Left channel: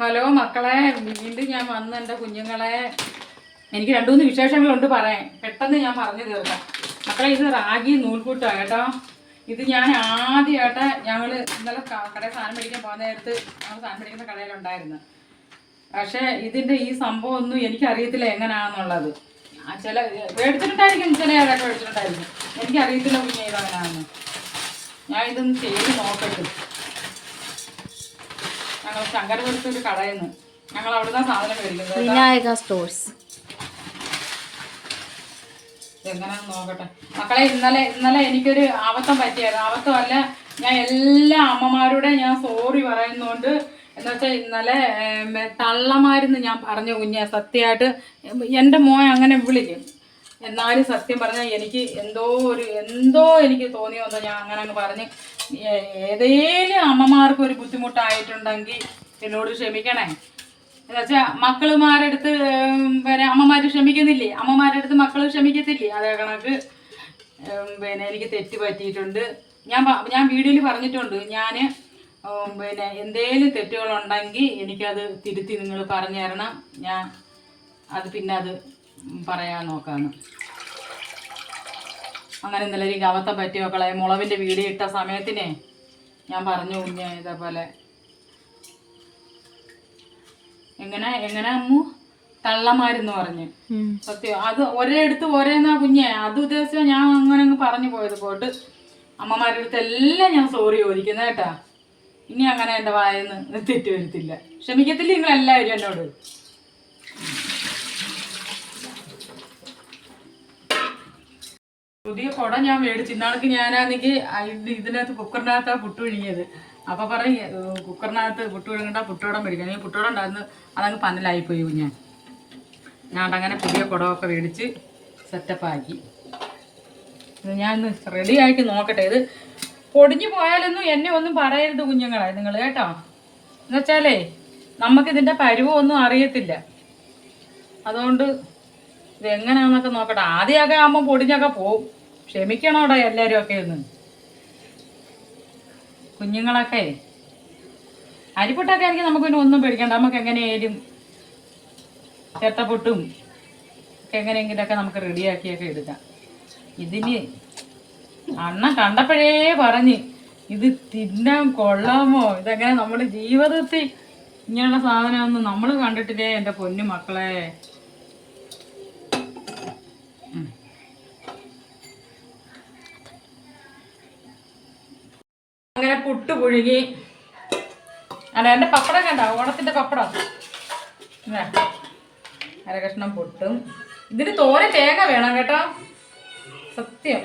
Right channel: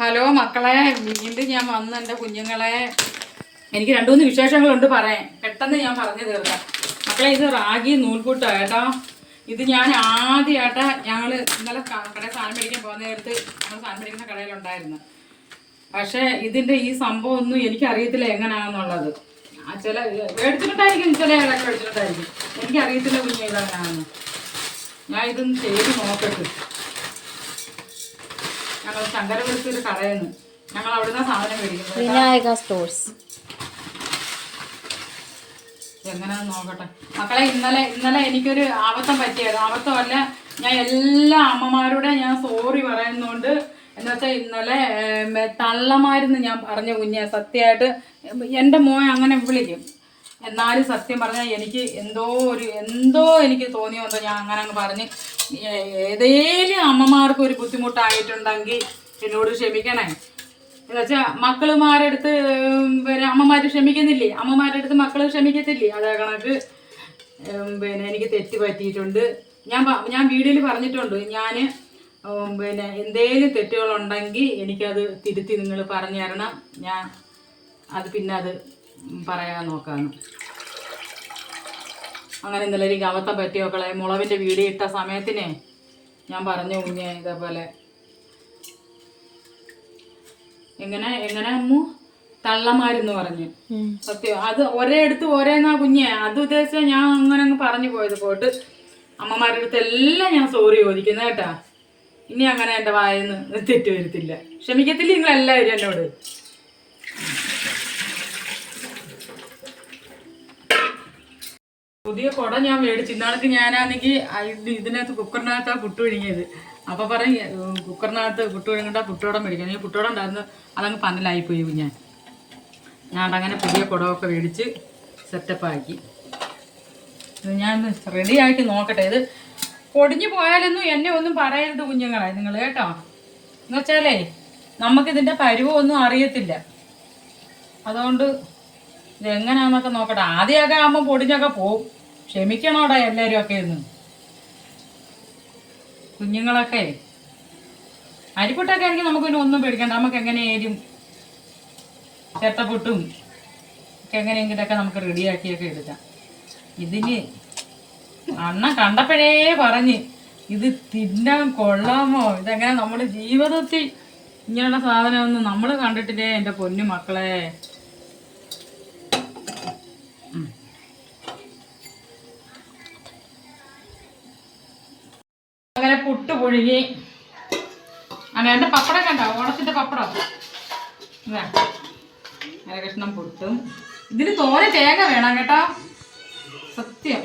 Hello മക്കളെ, വീണ്ടും ഞാൻ വന്ന് എൻ്റെ കുഞ്ഞുങ്ങളെ. എനിക്ക് 2-3 വിശേഷങ്ങളുണ്ട് പറയാൻ. പെട്ടെന്ന് ഞാൻ പറഞ്ഞു തീർക്കാം. മക്കളെ, ഇത് റാഗി നൂൽപുട്ടാണ് കേട്ടോ. ഇത് ഞാൻ ആദ്യമായിട്ട് ഞങ്ങൾ ഇന്നലെ കടയിൽ സാധനം മേടിക്കാൻ പോകുന്ന നേരത്ത് ഞങ്ങൾ സാധനം മേടിക്കുന്ന കടയിലുണ്ടായിരുന്നു. പക്ഷേ ഇതിൻ്റെ ഈ സംഭവം ഒന്നും എനിക്കറിയത്തില്ല എങ്ങനെയാണെന്നുള്ളത്. ചില മേടിച്ചിട്ടുണ്ടായിരിക്കും, ചില ഏതൊക്കെ മേടിച്ചിട്ടുണ്ടായിരിക്കും. എനിക്കറിയത്തില്ല കുഞ്ഞ് ഇതെങ്ങനെയാണെന്ന്. ഞാൻ ഇതൊന്ന് ചെയ്ത് നോക്കട്ടെ. ഞങ്ങൾ ശങ്കരപുരത്തൊരു കടയിൽ നിന്ന് ഞങ്ങൾ അവിടുന്ന് സാധനം മേടിക്കുന്നത്. എങ്ങനെയാണെന്ന് നോക്കട്ടെ മക്കളെ. ഇന്നലെ എനിക്കൊരു അബദ്ധം പറ്റിയത്. അബദ്ധമല്ല, ഞാൻ എല്ലാ അമ്മമാരോടെ ഞാൻ സോറി പറയുന്നുണ്ട്. എന്താ വെച്ചാൽ ഇന്നലെ തള്ളമാരെന്ന് ഞാൻ പറഞ്ഞ കുഞ്ഞെ, സത്യമായിട്ട് എൻ്റെ മോൻ അങ്ങനെ വിളിക്കും. എന്നാലും സത്യം പറഞ്ഞാൽ എനിക്ക് എന്തോ എനിക്ക് തോന്നിയോ ഞാൻ അങ്ങനെ അങ്ങ് പറഞ്ഞ്. ഏതേലും അമ്മമാർക്ക് ഒരു ബുദ്ധിമുട്ടായിട്ടുണ്ടെങ്കിൽ എന്നോട് ക്ഷമിക്കണേ. എന്താ വെച്ചാൽ മക്കളുമാരടുത്ത് പിന്നെ അമ്മമാർ ക്ഷമിക്കുന്നില്ലേ, അമ്മമാരുടെ അടുത്ത് മക്കൾ ക്ഷമിക്കത്തില്ലേ, അതേ കണക്ക് പിന്നെ എനിക്ക് തെറ്റ് പറ്റിയിട്ടുണ്ട്. ഞാൻ വീഡിയോയിൽ പറഞ്ഞിട്ടുണ്ട്. ഞാൻ പിന്നെ എന്തേലും തെറ്റുകളുണ്ടെങ്കിൽ എനിക്കത് തിരുത്തി നിങ്ങൾ പറഞ്ഞു തരണം. ഞാൻ അത് പിന്നെ അത് പറയാൻ നോക്കാമെന്ന്. അങ്ങനെ ഇന്നലെ എനിക്ക് അബദ്ധം പറ്റിയ മക്കളെ. മുളവിൻ്റെ വീഡിയോ ഇട്ട സമയത്തിനെ ഞാൻ പറഞ്ഞു കുഞ്ഞെ ഇതേപോലെ എങ്ങനെ അമ്മു തള്ളമാരെന്ന് പറഞ്ഞു. സത്യം അത് ഒരേ അടുത്ത് ഒരേന്നാ കുഞ്ഞെ. അത് ഉദ്ദേശിച്ച ഞാൻ അങ്ങനെ അങ്ങ് പറഞ്ഞു പോയത്. പോയിട്ട് അമ്മമാരുടെ അടുത്ത് എല്ലാം ഞാൻ സോറി ചോദിക്കുന്നത് കേട്ടാ. ഇനി അങ്ങനെ എൻ്റെ വായെന്ന് തെറ്റ് വരുത്തില്ല. ക്ഷമിക്കത്തില്ല നിങ്ങളെല്ലാവരും എന്നോട്. പുതിയ കുട ഞാൻ മേടിച്ചു. ഇന്നാൾക്ക് ഞാനാണെങ്കിൽ ഇതിനകത്ത് കുക്കറിനകത്താണ് പുട്ട് ഒഴുങ്ങിയത്. അപ്പോൾ പറഞ്ഞ് കുക്കറിനകത്ത് പുട്ട് ഒഴുങ്ങണ്ട, പുട്ടുകൂടം മേടിക്കണം. ഈ പുട്ടുകൂടം ഉണ്ടായിരുന്നു, അതങ്ങ് പന്നലായിപ്പോയി ഞാൻ അങ്ങനെ പുതിയ കുടമൊക്കെ മേടിച്ച് സെറ്റപ്പാക്കി. ഇത് ഞാൻ റെഡിയാക്കി നോക്കട്ടെ. ഇത് പൊടിഞ്ഞു പോയാലൊന്നും എന്നെ ഒന്നും പറയരുത് കുഞ്ഞുങ്ങളെ നിങ്ങൾ കേട്ടോ. എന്നുവെച്ചാലേ നമുക്കിതിൻ്റെ പരുവമൊന്നും അറിയത്തില്ല. അതുകൊണ്ട് ഇതെങ്ങനെയാണെന്നൊക്കെ നോക്കട്ടെ. ആദ്യമൊക്കെ ആകുമ്പോൾ പൊടിഞ്ഞൊക്കെ പോവും. ക്ഷമിക്കണോടാ എല്ലാവരും ഒക്കെ ഒന്ന്. കുഞ്ഞുങ്ങളൊക്കെ അരിപ്പൊട്ടൊക്കെ ആണെങ്കിൽ നമുക്ക് പിന്നെ ഒന്നും പേടിക്കണ്ട. നമുക്ക് എങ്ങനെയായാലും ചേട്ടപ്പൊട്ടും ഒക്കെ എങ്ങനെയെങ്കിലൊക്കെ നമുക്ക് റെഡിയാക്കിയൊക്കെ എടുക്കാം. ഇതിന് അണ്ണൻ കണ്ടപ്പോഴേ പറഞ്ഞ് ഇത് തിന്നാൻ കൊള്ളാമോ, ഇതെങ്ങനെ നമ്മുടെ ജീവിതത്തിൽ ഇങ്ങനെയുള്ള സാധനമൊന്നും നമ്മൾ കണ്ടിട്ടില്ലേ എൻ്റെ പൊന്നു മക്കളെ. അങ്ങനെ പുട്ട് പുഴുകി. എൻ്റെ പപ്പടം കണ്ടോ, ഓണത്തിൻ്റെ പപ്പടം. അര കഷ്ണം പുട്ടും. ഇതിന് തോനെ തേങ്ങ വേണം കേട്ടോ, സത്യം.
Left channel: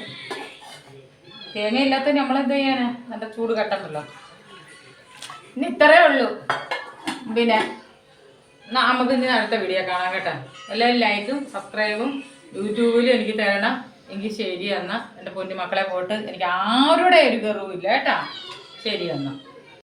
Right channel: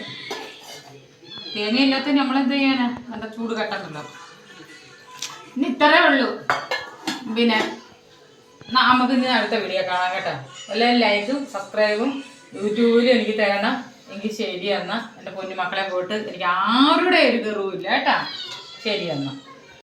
തേങ്ങ ഇല്ലാത്ത നമ്മളെന്ത് ചെയ്യാനാ, നല്ല ചൂട് കട്ടണ്ടല്ലോ. ഇനി ഇത്രേ ഉള്ളൂ. പിന്നെ നമുക്ക് ഇനി അടുത്ത വീഡിയോ കാണാം കേട്ടോ. എല്ലാവരും ലൈക്കും സബ്സ്ക്രൈബും യൂട്യൂബിൽ എനിക്ക് തരണം. എങ്കിൽ ശരി എന്നാൽ എൻ്റെ പൊന്നു മക്കളെ പോയിട്ട് എനിക്ക് ആരുടെ ഒരു കയറുമില്ല കേട്ടോ. ശരി എന്നാൽ.